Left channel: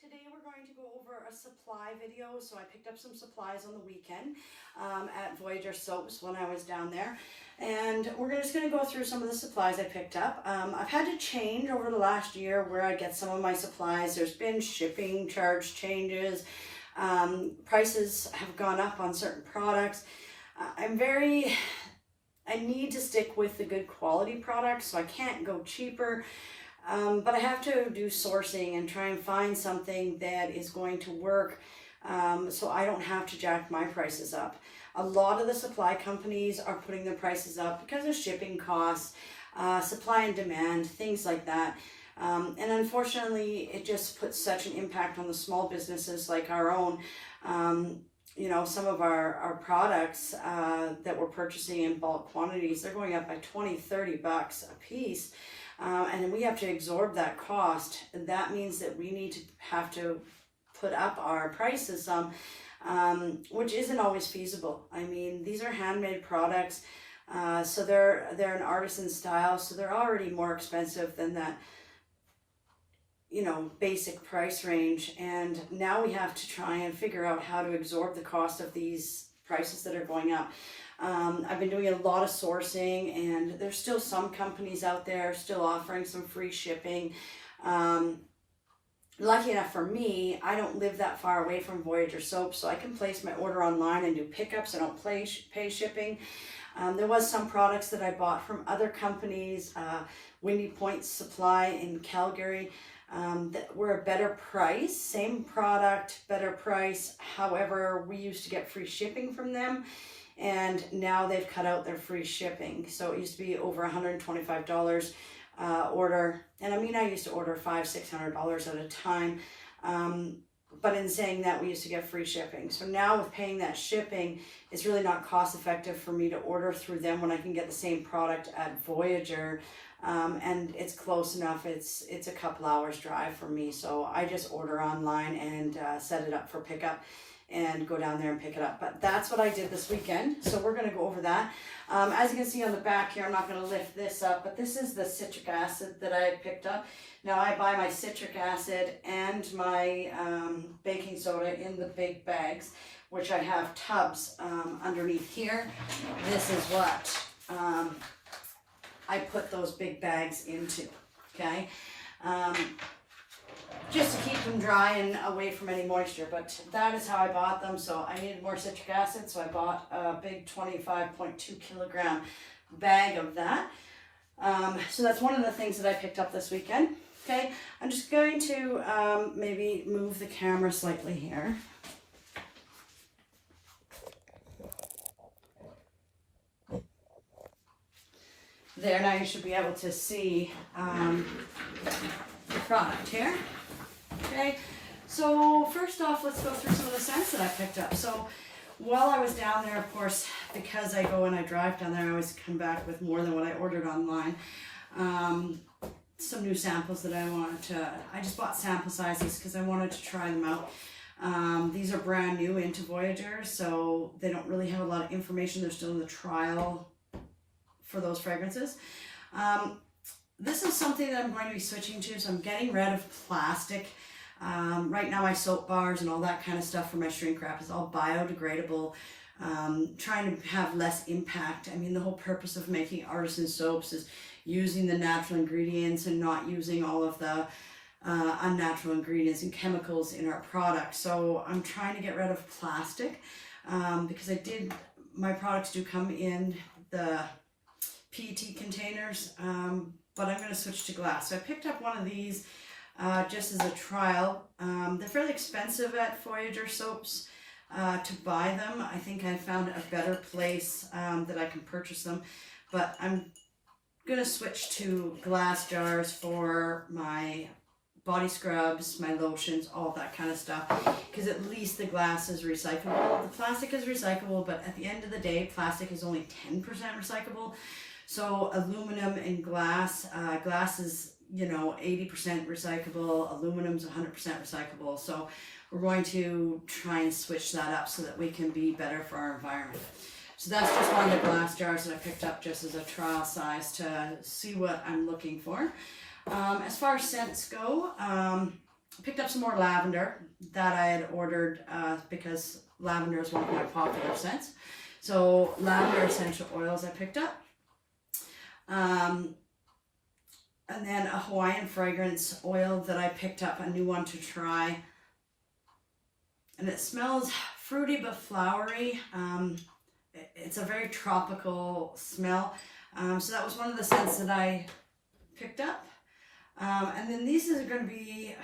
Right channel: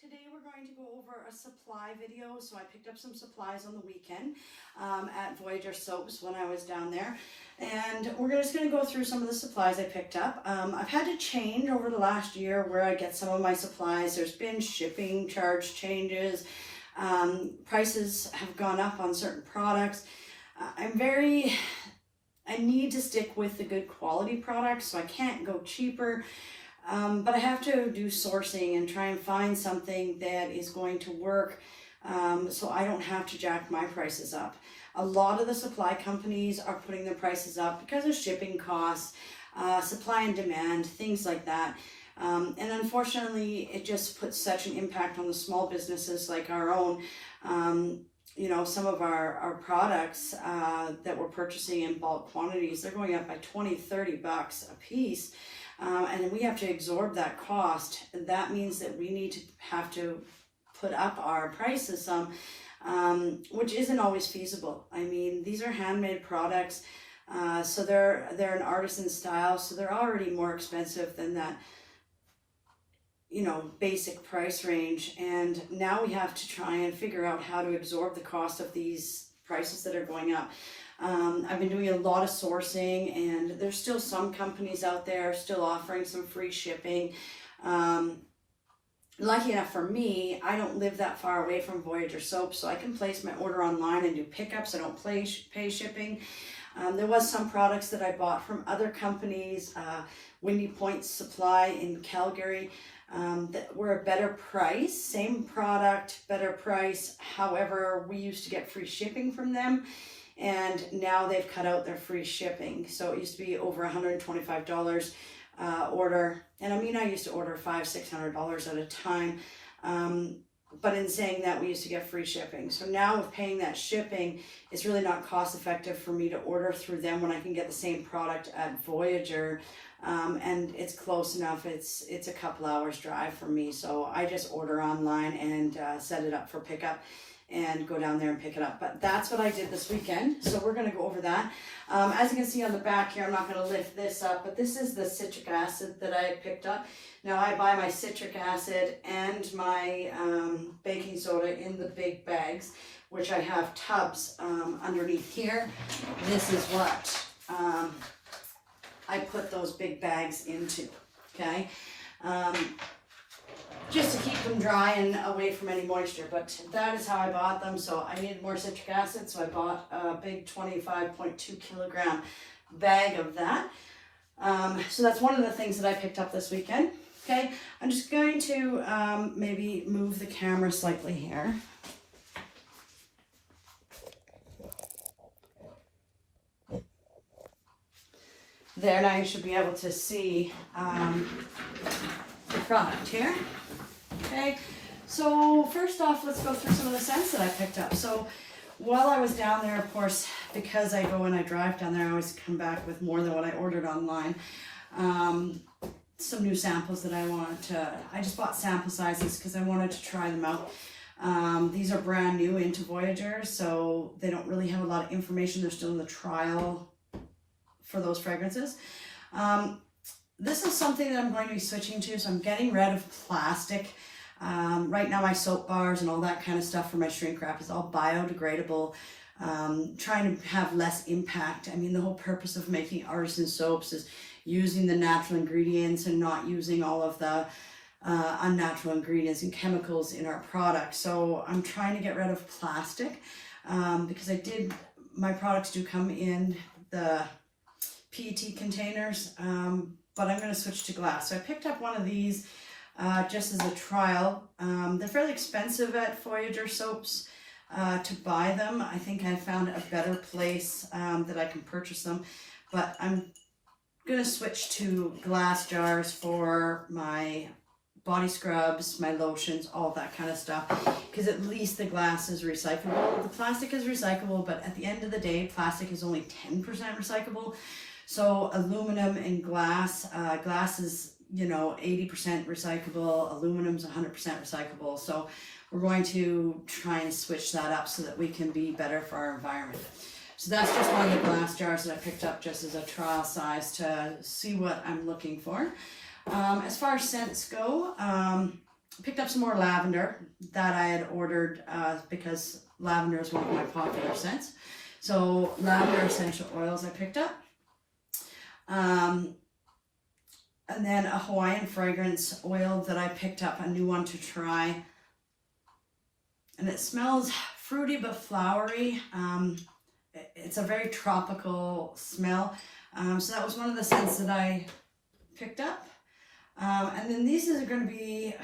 Today we're going to go over a supply video. So I picked up some supplies on the weekend at Voyager Soaps when I was down there. And we're just going to go through some of the supplies I picked up. I've had to change over the last year where I get some of my supplies. There's been shipping charge changes. Prices have gone up on certain products. I need to stick with the good quality products, so I can't go cheaper. But I have to do sourcing and try and find something that is going to work so I don't have to jack my prices up. A lot of the supply companies are putting their prices up because of shipping costs, supply and demand, things like that. And unfortunately, it just puts such an impact on the small businesses like our own. You know, some of our products that we're purchasing in bulk quantities, they're going up by 20, 30 bucks a piece. And we have to absorb that cost. And that means that we have to put up our prices some, which isn't always feasible. I mean, these are handmade products, so they're an artisan style, so they're already more expensive than that, you know, basic price range. And now we have to try and figure out how to absorb the cost of these prices that are going up. I've been doing a lot of sourcing, and there's still some companies out there still offering some free shipping. Lucky enough for me, I don't live that far away from Voyager Soap, so I can place my order online and do pickups. I don't pay shipping. There was some products that I bought from other companies, Windy Point Supply in Calgary, that were a better price, same product, better price. However, we used to get free shipping from them, and now they've cut out their free shipping. So it used to be over $125 order, and I mean, I used to order $500-600 at a time. But in saying that, we used to get free shipping. So now with paying that shipping, it's really not cost effective for me to order through them when I can get the same product at Voyager. And it's close enough. It's a couple hours drive for me. So I just order online and set it up for pickup and go down there and pick it up. But that's what I did this weekend. So we're going to go over that. As you can see on the back here, I'm not going to lift this up, but this is the citric acid that I had picked up. Now I buy my citric acid and my baking soda in the big bags, which I have tubs underneath here. This is what I put those big bags into, okay? Just to keep them dry and away from any moisture, but that is how I bought them. So I needed more citric acid, so I bought a big 25.2 kilogram bag of that. So that's one of the things that I picked up this weekend. Okay, I'm just going to maybe move the camera slightly here. There, now you should be able to see the product here. Okay, so first off, let's go through some of the scents that I picked up. So while I was down there, of course, because I go and I drive down there, I always come back with more than what I ordered online. Some new samples that I just bought sample sizes because I wanted to try them out. These are brand new into Voyager, so they don't really have a lot of information. They're still in the trial for those fragrances. This is something that I'm going to be switching to, so I'm getting rid of plastic. Right now my soap bars and all that kind of stuff for my shrink wrap is all biodegradable. Trying to have less impact. I mean, the whole purpose of making artisan soaps is using the natural ingredients and not using all of the unnatural ingredients and chemicals in our products. So I'm trying to get rid of plastic because my products do come in the PET containers, but I'm going to switch to glass. So I picked up one of these just as a trial. They're fairly expensive at Voyager Soaps to buy them. I think I found a better place that I can purchase them, but I'm going to switch to glass jars for my body scrubs, my lotions, all that kind of stuff, because at least the glass is recyclable. The plastic is recyclable, but at the end of the day, plastic is only 10% recyclable. So aluminum and glass, glass is, you know, 80% recyclable, aluminum's 100% recyclable. So we're going to try and switch that up so that we can be better for our environment. So that's just one of the glass jars that I picked up just as a trial size to see what I'm looking for. As far as scents go, picked up some more lavender that I had ordered because lavender is one of my popular scents. So lavender essential oils I picked up. And then a Hawaiian fragrance oil that I picked up, a new one to try. And it smells fruity but flowery. It's a very tropical smell. So that was one of the scents that I picked up. And then these are going to be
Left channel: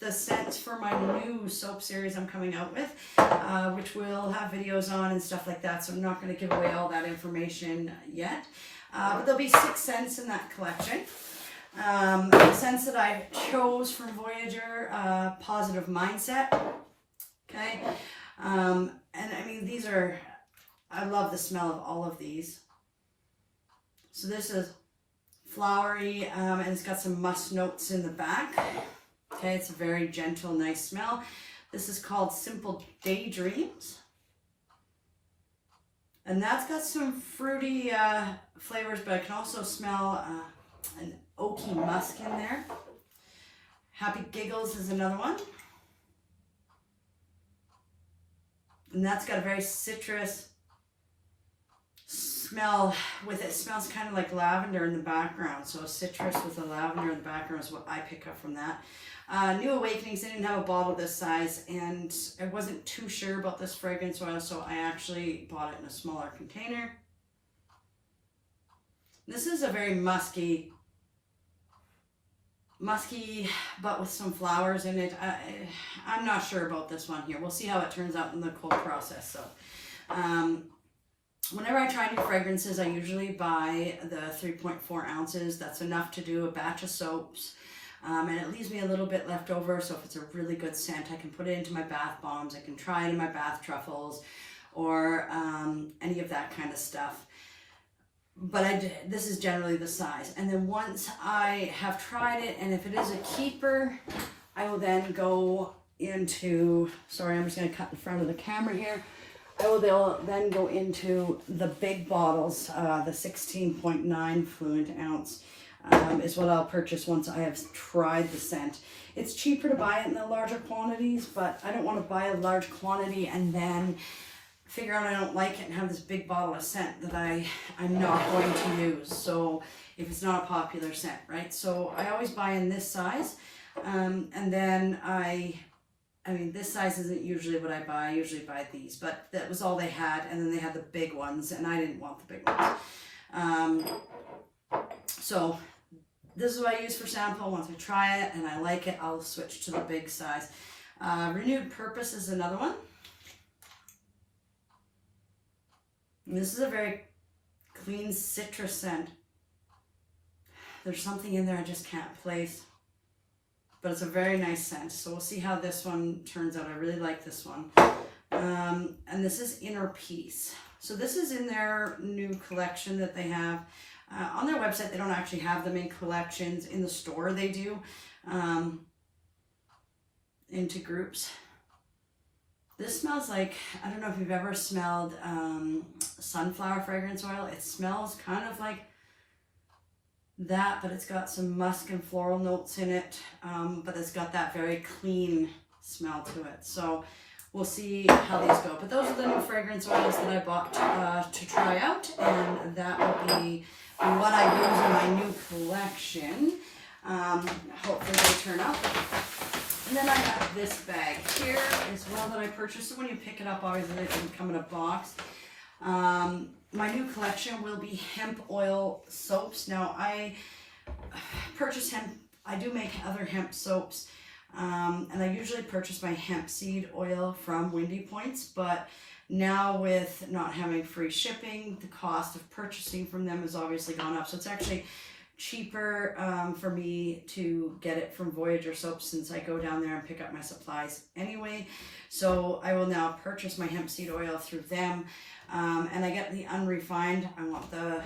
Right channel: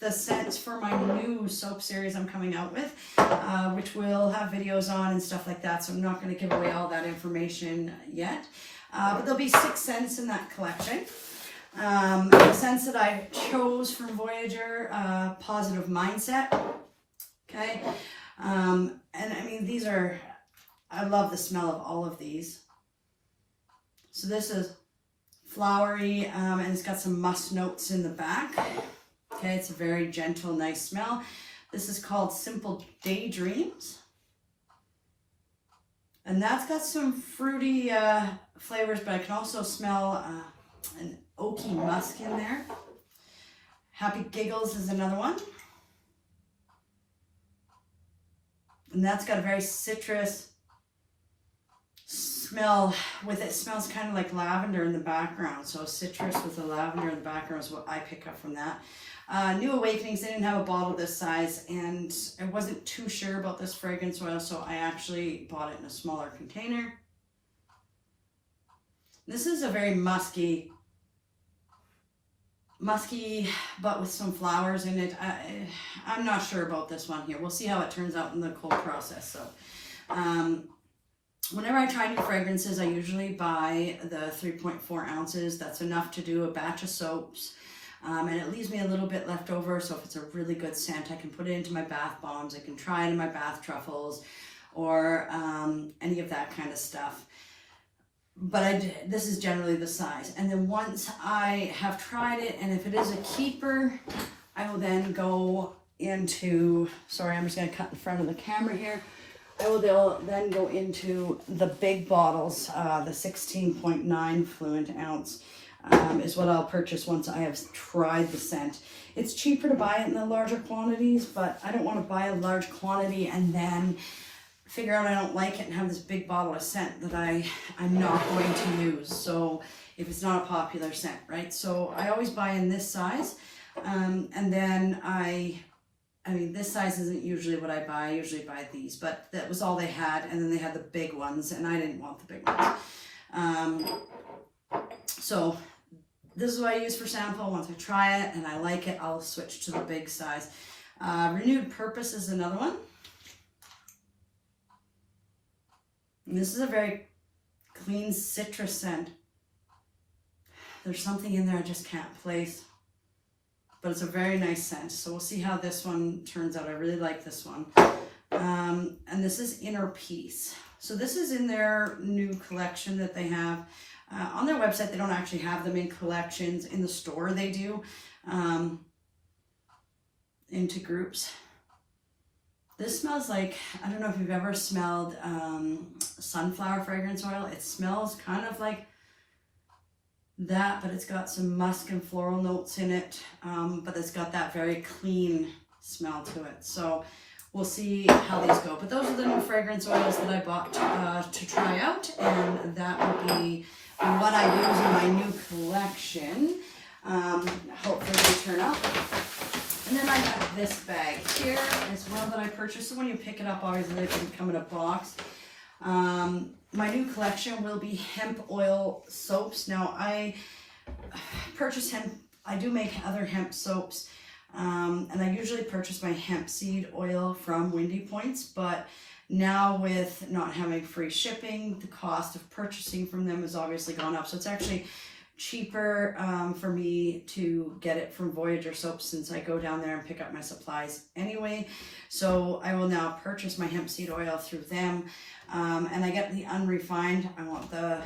the scents for my new soap series I'm coming out with, which we'll have videos on and stuff like that. So I'm not going to give away all that information yet. But there'll be 6 scents in that collection. The scents that I chose from Voyager, Positive Mindset. Okay. And I mean, these are, I love the smell of all of these. So this is flowery, and it's got some musk notes in the back. Okay, it's a very gentle, nice smell. This is called Simple Daydreams. And that's got some fruity flavors, but I can also smell an oaky musk in there. Happy Giggles is another one. And that's got a very citrus smell with it. Smells kind of like lavender in the background. So citrus with the lavender in the background is what I pick up from that. New Awakenings, they didn't have a bottle this size, and I wasn't too sure about this fragrance oil, so I actually bought it in a smaller container. This is a very musky, but with some flowers in it. I'm not sure about this one here. We'll see how it turns out in the cold process. So whenever I try new fragrances, I usually buy the 3.4 ounces. That's enough to do a batch of soaps. And it leaves me a little bit left over, so if it's a really good scent, I can put it into my bath bombs. I can try it in my bath truffles or any of that kind of stuff. But this is generally the size. And then once I have tried it, and if it is a keeper, I will then go into, sorry, I'm just going to cut in front of the camera here. I will then go into the big bottles, the 16.9 fluid ounce. Is what I'll purchase once I have tried the scent. It's cheaper to buy it in the larger quantities, but I don't want to buy a large quantity and then figure out I don't like it and have this big bottle of scent that I'm not going to use. So if it's not a popular scent, right? So I always buy in this size, and then I mean, this size isn't usually what I buy. I usually buy these, but that was all they had, and then they had the big ones, and I didn't want the big ones. So this is what I use for sample. Once I try it and I like it, I'll switch to the big size. Renewed Purpose is another one. And this is a very clean citrus scent. There's something in there I just can't place, but it's a very nice scent. So we'll see how this one turns out. I really like this one. And this is Inner Peace. So this is in their new collection that they have. On their website, they don't actually have them in collections. In the store, they do, into groups. This smells like, I don't know if you've ever smelled sunflower fragrance oil. It smells kind of like that, but it's got some musk and floral notes in it, but it's got that very clean smell to it. So we'll see how these go. But those are the new fragrance oils that I bought to try out, and that will be what I use in my new collection. Hopefully they turn up. And then I have this bag here as well that I purchased. So when you pick it up, obviously it doesn't come in a box. My new collection will be hemp oil soaps. Now I purchase hemp, I do make other hemp soaps. And I usually purchase my hemp seed oil from Windy Points, but now with not having free shipping, the cost of purchasing from them has obviously gone up. So it's actually cheaper for me to get it from Voyager Soap, since I go down there and pick up my supplies anyway. So I will now purchase my hemp seed oil through them, and I get the unrefined. I want the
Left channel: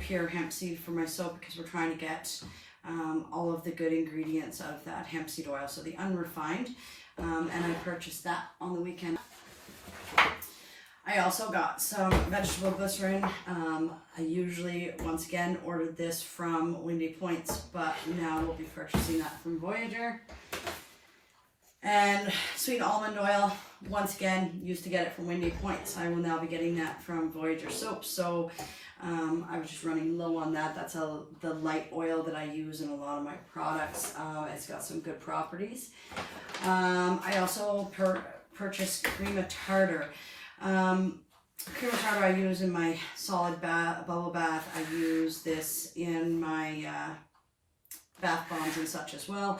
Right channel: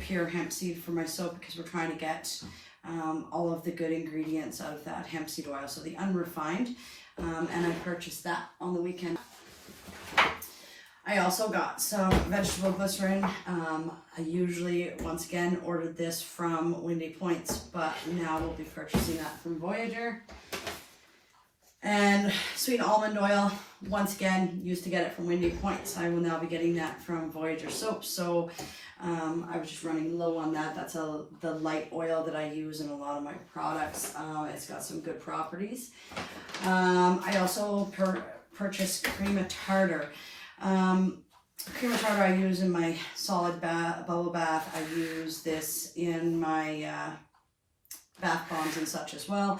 pure hemp seed for my soap because we're trying to get all of the good ingredients out of that hemp seed oil. So the unrefined, and I purchased that on the weekend. I also got some vegetable glycerin. I usually, once again, ordered this from Windy Points, but now we'll be purchasing that from Voyager. And sweet almond oil, once again, used to get it from Windy Point. I will now be getting that from Voyager Soap. So I was just running low on that. That's the light oil that I use in a lot of my products. It's got some good properties. I also purchased cream of tartar. Cream of tartar I use in my solid bubble bath. I use this in my bath bombs and such as well.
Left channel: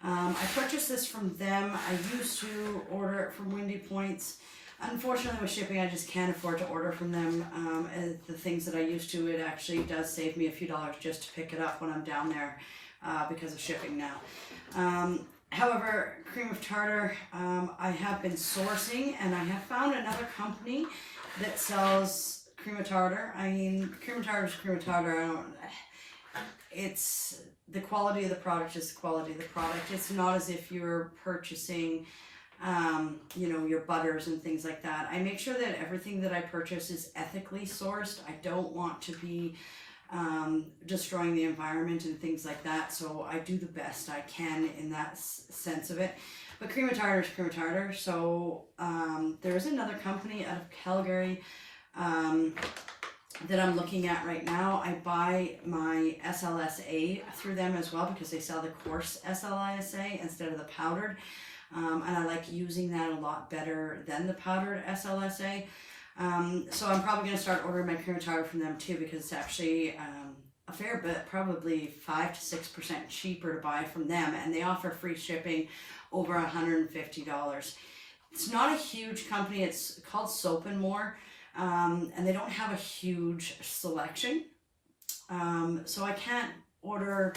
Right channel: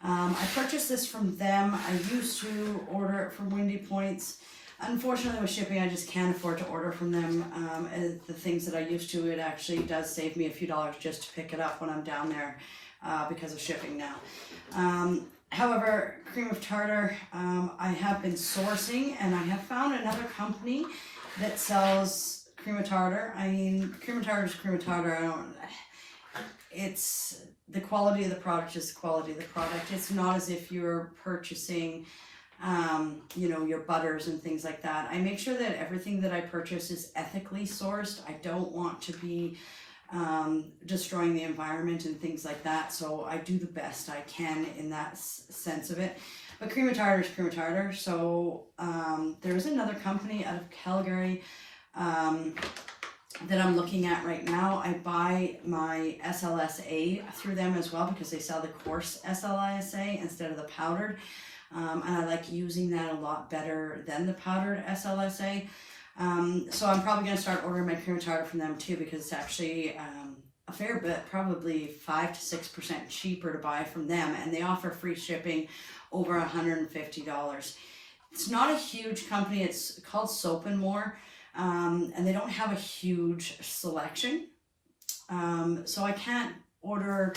I purchased this from them. I used to order it from Windy Points. Unfortunately, with shipping, I just can't afford to order from them. And the things that I used to, it actually does save me a few dollars just to pick it up when I'm down there because of shipping now. However, cream of tartar, I have been sourcing, and I have found another company that sells cream of tartar. I mean, cream of tartar is cream of tartar. It's the quality of the product is the quality of the product. It's not as if you're purchasing, you know, your butters and things like that. I make sure that everything that I purchase is ethically sourced. I don't want to be destroying the environment and things like that. So I do the best I can in that sense of it. But cream of tartar is cream of tartar. So there's another company out of Calgary that I'm looking at right now. I buy my SLSA through them as well because they sell the coarse SLSA instead of the powdered. And I like using that a lot better than the powdered SLSA. So I'm probably going to start ordering my cream of tartar from them too, because it's actually a fair bit, probably 5 to 6% cheaper to buy from them. And they offer free shipping over $150. It's not a huge company. It's called Soap and More. And they don't have a huge selection. So I can't order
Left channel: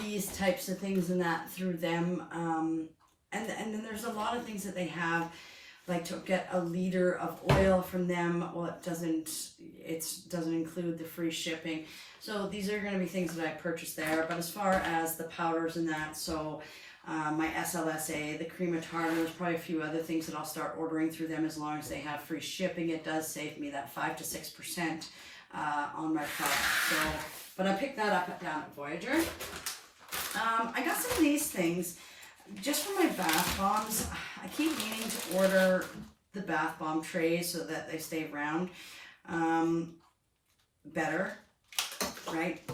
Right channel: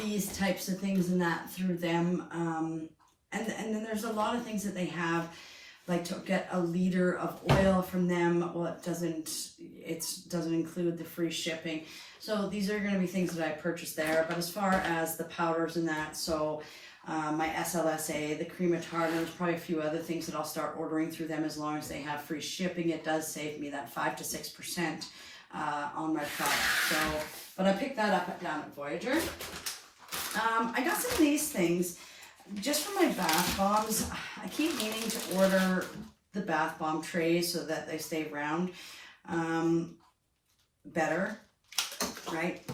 these types of things and that through them. And then there's a lot of things that they have, like to get a liter of oil from them. Well, it doesn't include the free shipping. So these are going to be things that I purchased there. But as far as the powders and that, so my SLSA, the cream of tartar, there's probably a few other things that I'll start ordering through them as long as they have free shipping. It does save me that 5 to 6% on my product. So, but I picked that up down at Voyager. I got some of these things just for my bath bombs. I keep meaning to order the bath bomb trays so that they stay round better, right?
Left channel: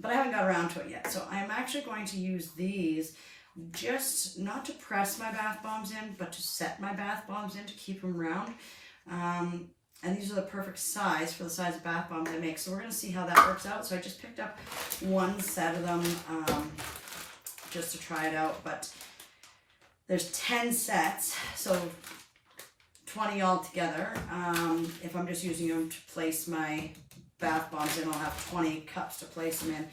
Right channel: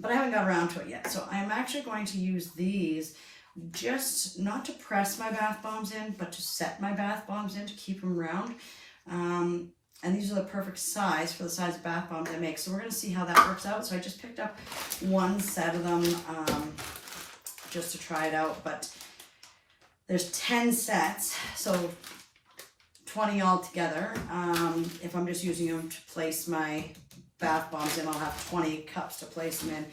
But I haven't got around to it yet. So I'm actually going to use these just not to press my bath bombs in, but to set my bath bombs in to keep them round. And these are the perfect size for the size of bath bombs I make. So we're going to see how that works out. So I just picked up one set of them just to try it out. But there's 10 sets, so 20 altogether. If I'm just using them to place my bath bombs in, I'll have 20 cups to place them in.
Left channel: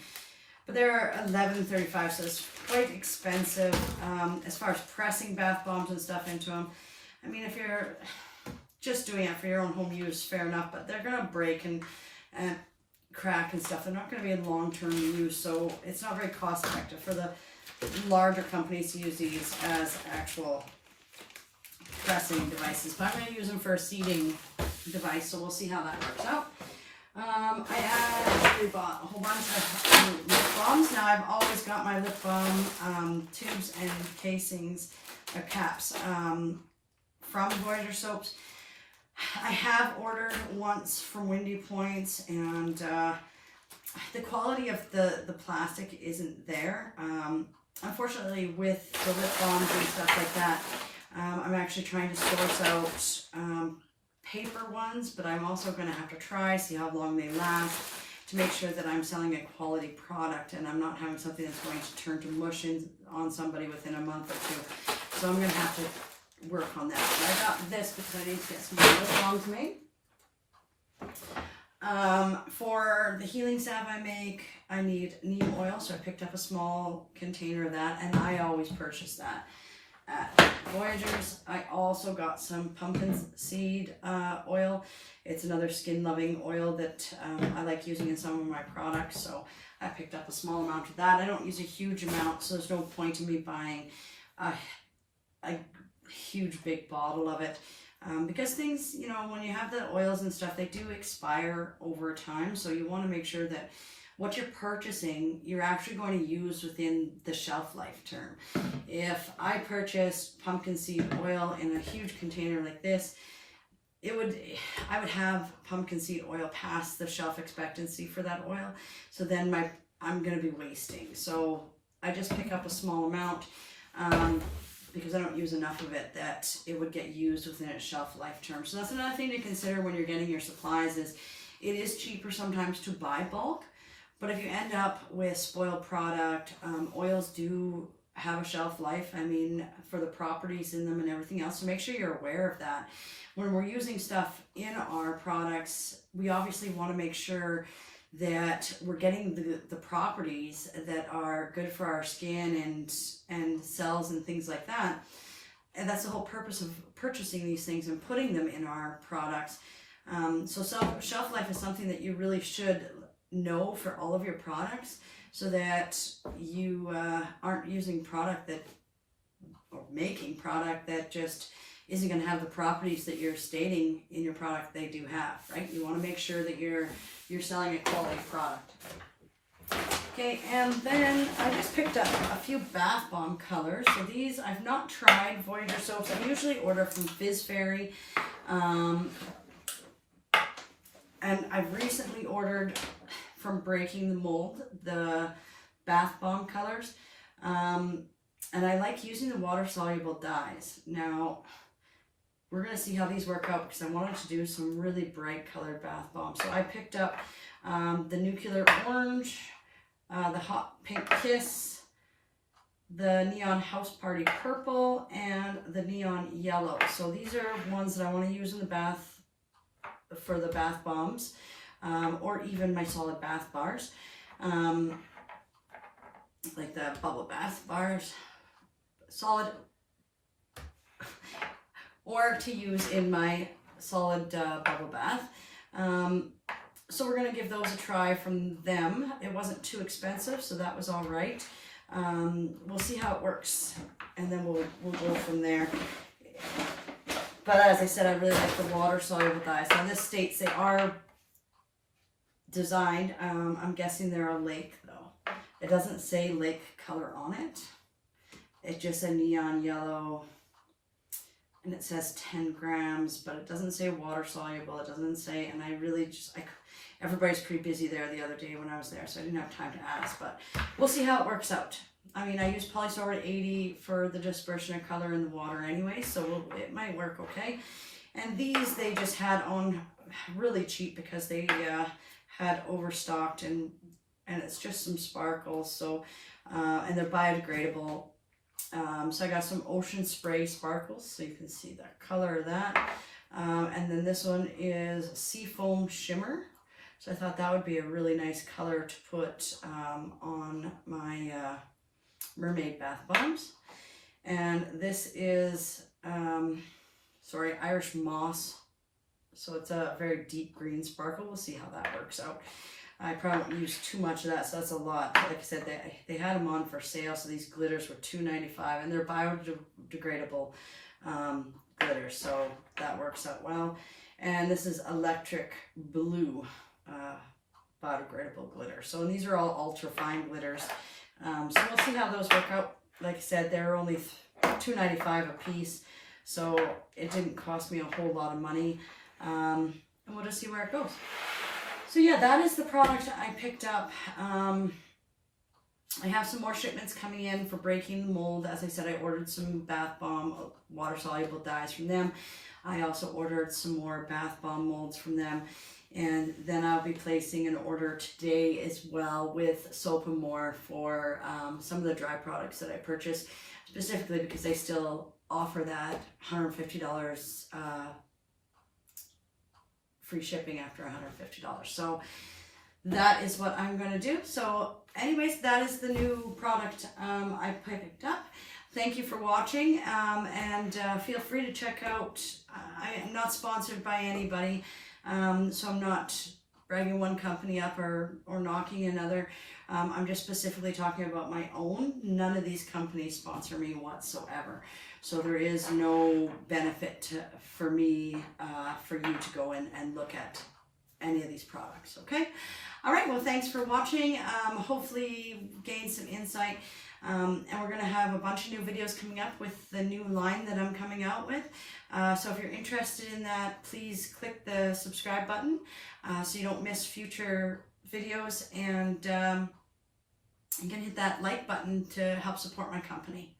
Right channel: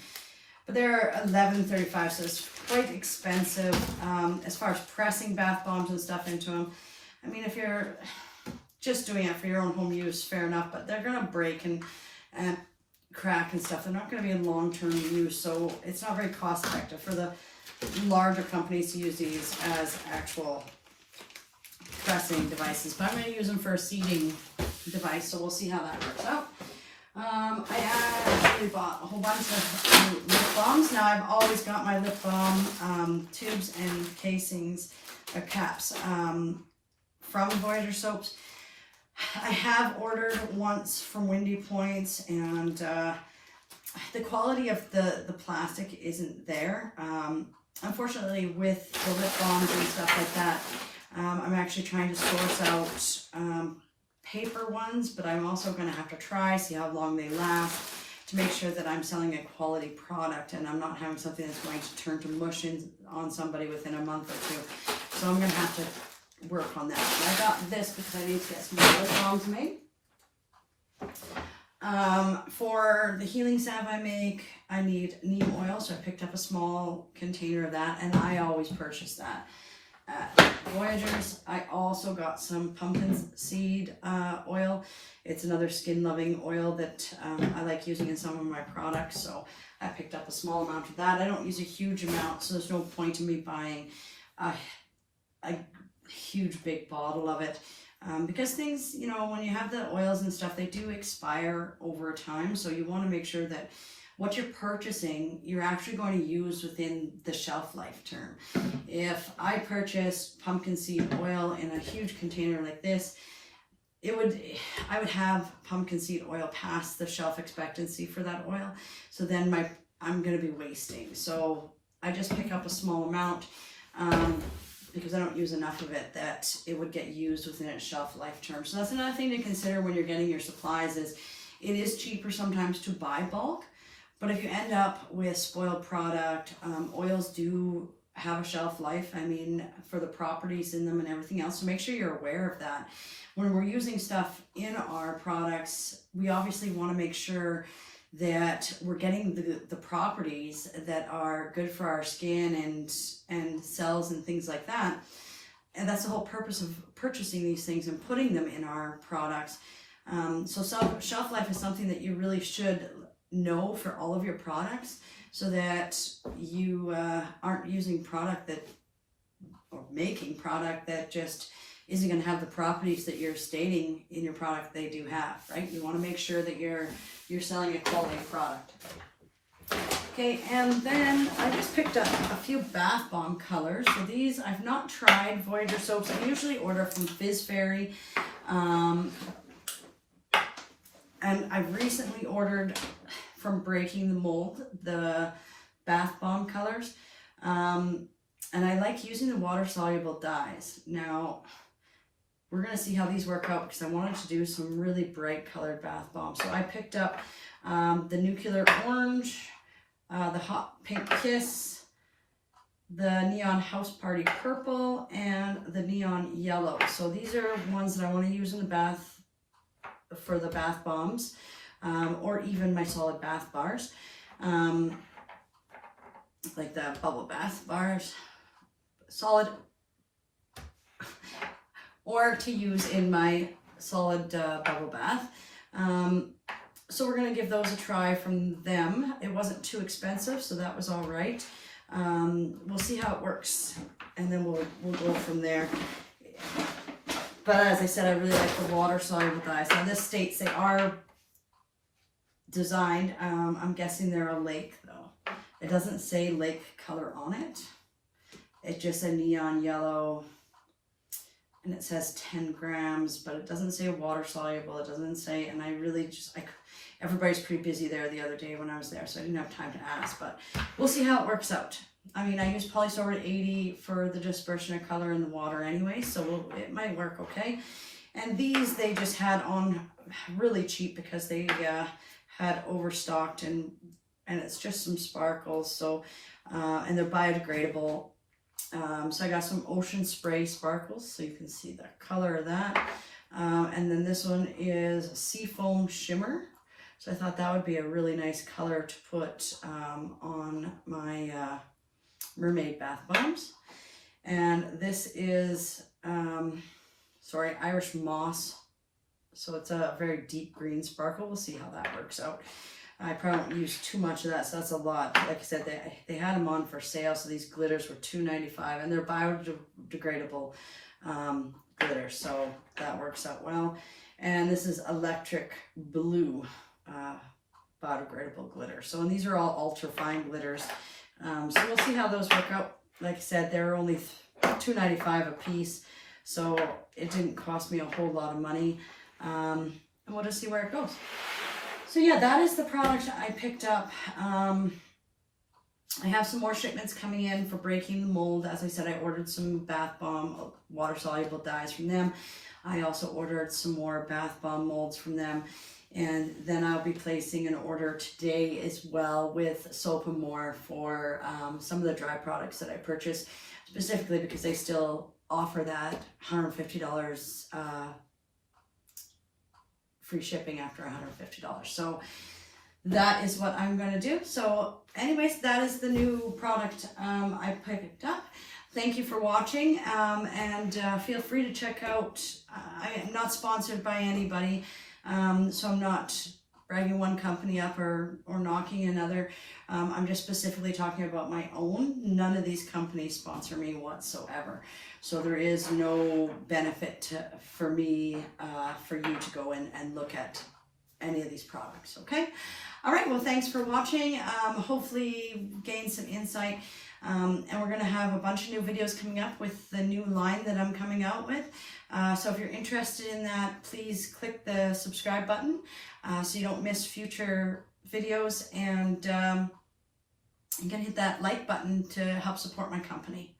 But they're $11.35, so it's quite expensive as far as pressing bath bombs and stuff into them. I mean, if you're just doing it for your own home use, fair enough, but they're going to break and crack and stuff. They're not going to be in long-term use, so it's not very cost-effective for the larger companies to use these as actual pressing devices. But I'm going to use them for a seating device, so we'll see how that works out. I actually bought a whole bunch of lip balms. Now I've always got my lip balm tubes and casings or caps from Voyager Soaps. I have ordered once from Windy Point, and the quality of the plastic isn't there. Unfortunately, with the lip balms and stuff like that, I'm actually trying to source out paper ones, but I'm also going to have to try, see how long they last, to make sure that I'm selling a quality product and I'm not having something that's going to turn to mush on somebody within a month or two. So I'm going to have to work on that. And I got this because I need to get some more lip balms made. For the healing salve I make, I need neem oil, so I picked up a small container of that, and I always purchase that at Voyagers. I also got some pumpkin seed oil. It's another skin loving oil that I like using in some of my products, so I picked up a small amount of that. I don't use a huge amount, so there's no point in me buying a huge big bottle of it. Because things, you know, when you have the oils and stuff, they do expire over time. So you want to make sure that what you're purchasing, you're actually going to use within the shelf life term. If I purchased pumpkin seed oil in a huge container like this, I would have pumpkin seed oil past the shelf expectancy for that oil. So then I'm going to be wasting. So I just pick up a small amount because I don't use enough of it that it would get used within its shelf life term. So that's another thing to consider when you're getting your supplies is it is cheaper sometimes to buy bulk, but if you end up with spoiled product, oils do have a shelf life, I mean, for the properties in them and everything else. So make sure you're aware of that. When we're using stuff in our products, we obviously want to make sure that we're getting the properties that are good for our skin and cells and things like that. And that's the whole purpose of purchasing these things and putting them in our products. So shelf life is something that you really should know for all of your products so that you aren't using product or making product that just isn't going to have the properties that you're stating in your product they do have, right? You want to make sure that you're selling a quality product. Okay, and then I just picked up a few bath bomb colors. So these, I've not tried Voyager soaps. I usually order from Fizz Fairy. And I've recently ordered from Breaking the Mold, the bath bomb colors. And I like using the water-soluble dyes. Now, we're going to see how these work out because I wanted to do some really bright colored bath bombs. So I picked up the Nuclear Orange, the Hot Pink Kiss, the Neon House Party Purple, and the Neon Yellow. So these are ones that I want to use in the bath for the bath bombs, or even my solid bath bars, like the bubble bath bars, solid, or to use in my solid bubble bath. So we're going to give those a try from them. It wasn't too expensive, so that was all right. We'll see how it works, and then we'll go from there. But as I said, I really like the water-soluble dyes. Now this states they are designed, I'm guessing they're a lake though. It doesn't say lake color on it. It's just a neon yellow, and it says 10 grams, but it doesn't say water soluble. It doesn't say, and I really just, everybody's pretty busy there the other day when I was there, so I didn't have time to ask, but we'll see how it works out. I mean, I use polysorbate 80 for the dispersion of color in the water anyway, so it might work okay. And these, they just had on really cheap because they had overstocked, and it's just some sparkles, so, and they're biodegradable. So I got some Ocean Spray sparkles, so you can see the color of that. And then this one is Seafoam Shimmer. So I thought that would be a really nice color to put on my mermaid bath bombs. And this is, Irish Moss. So it's a very deep green sparkle. We'll see how that works out. I probably won't use too much of that, so that's a lot. Like I said, they had them on for sale, so these glitters were $2.95, and they're biodegradable glitters, so that works out well. And this is Electric Blue biodegradable glitter. So, and these are all ultra fine glitters. So we'll see how those work out. Like I said, they're only $2.95 a piece, so it didn't cost me a whole lot of money. And we'll just see where it goes. So yeah, that is the product I picked up. I have some more shipments coming in for Breaking the Mold. As I said, I ordered some bath bomb water-soluble dyes from them. I also ordered some more bath bomb molds from them. And then I'll be placing an order today as well with Soap & More for some of the dry products that I purchased, specifically because they still offer that $150 free shipping after $150. So that is what I'm going to do. So anyways, that is the new product I picked up. Thank you for watching, and feel free to check out, I am not sponsored by anybody, so I'm not bragging one company up or knocking another. I'm just specifically talking about my own. None of these companies sponsor me whatsoever. So there is no benefit for me, for you to go in and look at any of these products, okay? All right, well, thanks for watching. Hopefully you gained some insight. And we're going to have a bunch of new videos coming up with the new line that I'm coming out with. So if you're interested in that, please click the subscribe button so you don't miss future videos. And you can hit that like button to help support my company.